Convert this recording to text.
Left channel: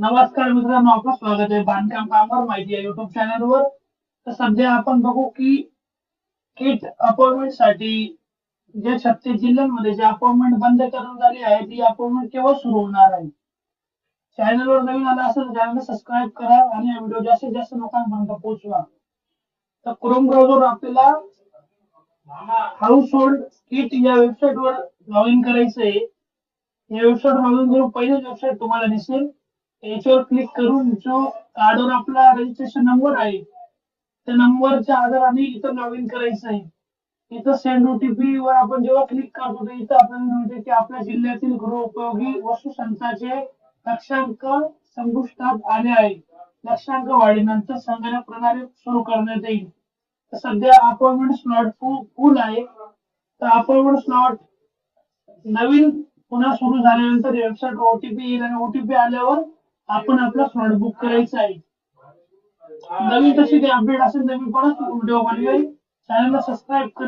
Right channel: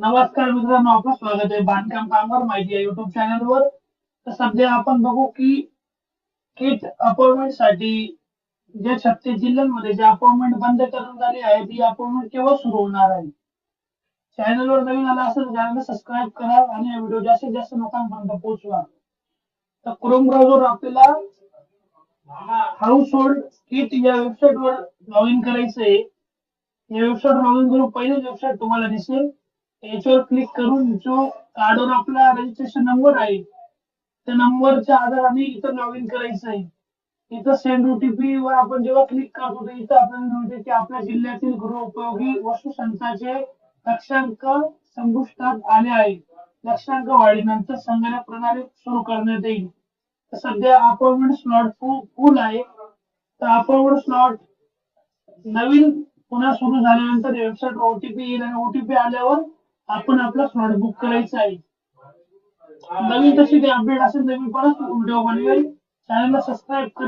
नमस्कार मित्रांनो, आपलं स्वागत आहे बांधकाम कामगार माहिती या युट्यूब चॅनलवर. तर सध्या आपण बघू की किट अपॉइंटमेंट साठी जे 36 जिल्ह्यांमध्ये जे अपॉइंटमेंट बंद करण्यात आली आहे ती अपॉइंटमेंट केव्हा सुरू होणार आहे. चॅनलवर नवीन आला असेल तर चॅनलला सबस्क्राईब करा आणि हा व्हिडिओ जास्तीत जास्त लोकांपर्यंत पोहोचवा. तर क्रोम ब्राउझर आपल्याला हाऊस होल्ड किट या वेबसाईट वर लॉग इन करायचं आहे. या वेबसाईट लॉग इन करून पहिलीच वेबसाईट तुम्हाला दिसेल. याच्यावर क्लिक करून जो कार्डवर आपला रजिस्ट्रेशन नंबर आहे त्या नंबरच्या आधाराने इथं लॉग इन करायचं आहे. इथं सेंड ओटीपी वर आपण जेव्हा क्लिक करतो तर इथं आपल्याला मिळते की आपल्या जिल्ह्यातील गृहोपयोगी वस्तू संचाचे लक्षांक संपुष्टात आले आहे. लक्षांक वाढीनंतर संगणक प्रणाली सुरू करण्यात येईल. तर सध्या अपॉइंटमेंट स्लॉट फुल आहे. तर अपॉइंटमेंट स्लॉट नवीन पुन्हा सुरू झाल्यानंतर वेबसाईट ओटीपी येईल आणि ओटीपी आल्यावर आपण आपला स्लॉट बुक करायचा आहे. नवीन तशी काही अपडेट असेल तर मी परत व्हिडिओ बनवेल. चॅनलला सबस्क्राईब करा.